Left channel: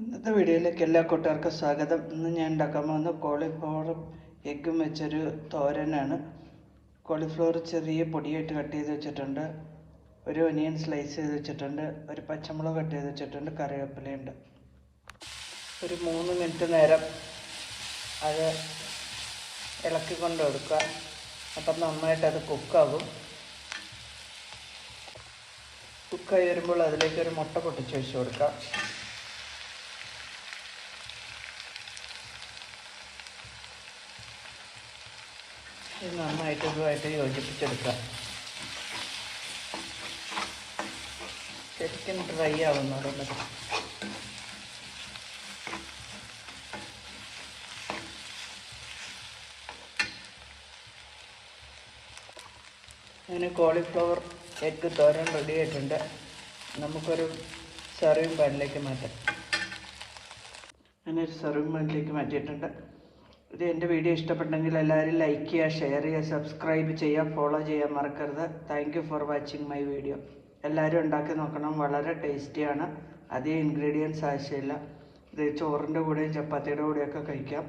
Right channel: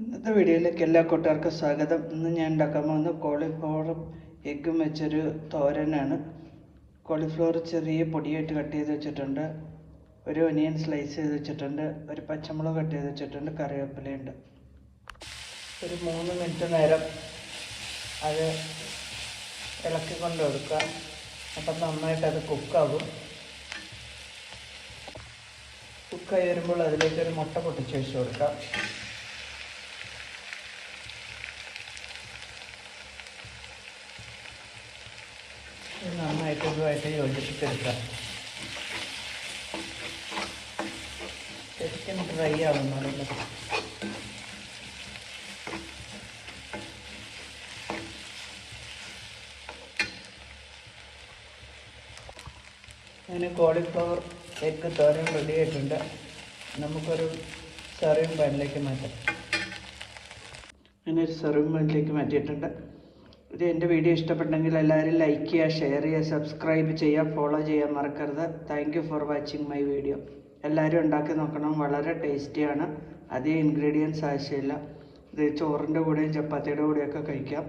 ഇന്നത്തെ വീഡിയോയിലേക്ക് എല്ലാ കൂട്ടുകാർക്കും സ്വാഗതം. ഇന്ന് ഞാൻ ഉണ്ടാക്കാൻ പോകുന്ന കോളിഫ്ലവറും എഗ്ഗും വെച്ചൊരു തോരനാണ്. കോളിഫ്ലവർ ചെറിയ പൊടിയായിട്ട് കട്ട് ചെയ്ത് വെച്ചിട്ടുണ്ട്, ഒരു ഒനിയൻ സ്ലൈസ് ചെയ്ത് വെച്ചിട്ടുണ്ട്, ഒരു പച്ചമുളക് കട്ട് ചെയ്ത് വെച്ചിട്ടുണ്ട്, കറിവേപ്പിലയുണ്ട്. ഒരു 3 മിനിറ്റ് നേരം അത് ഇളക്കിക്കൊണ്ട് എടുക്കാം. അപ്പം നന്നായിട്ടത് കുക്കാകും. കുക്കായി വരുമ്പോൾ അതിലേക്കൊരു മുട്ട പൊട്ടിച്ച് വെച്ച് കൊടുക്കാം. നന്നായിട്ട് ഇതുമായിട്ട് യോജിപ്പിച്ചെടുക്കാം. ശരിക്കും ഡ്രൈ ആവുന്നതല്ല. അങ്ങനെ കോളിഫ്ലവർ എഗ്ഗ് തോരൻ റെഡി ആയിട്ടുണ്ട്. നമുക്കൊരു സർവിങ് പാനിലേക്ക് മാറ്റാം. അങ്ങനെ ഒരു സർവിങ് പാനിലേക്ക് മാറ്റിയിട്ടുണ്ട്. ഇത് എൻ്റെ വീഡിയോ ഇഷ്ടപ്പെട്ടെങ്കിൽ എല്ലാവരും ലൈക്ക് ചെയ്യുക, ഷെയർ ചെയ്യുക, സബ്സ്ക്രൈബ് ചെയ്യുക, ഫോളോ ചെയ്യാൻ മറക്കരുത്. Thank you for watching my video. എല്ലാവരും ഉണ്ടാക്കി നോക്കണം, വളരെ ടേസ്റ്റിയാണ്. അധികം ഇൻഗ്രീഡിയൻസ് ആവശ്യമില്ല. ഇത് ചോറിൻ്റെ കൂടെയും ചപ്പാത്തിയുടെ കൂടെയൊക്കെ കഴിക്കാം.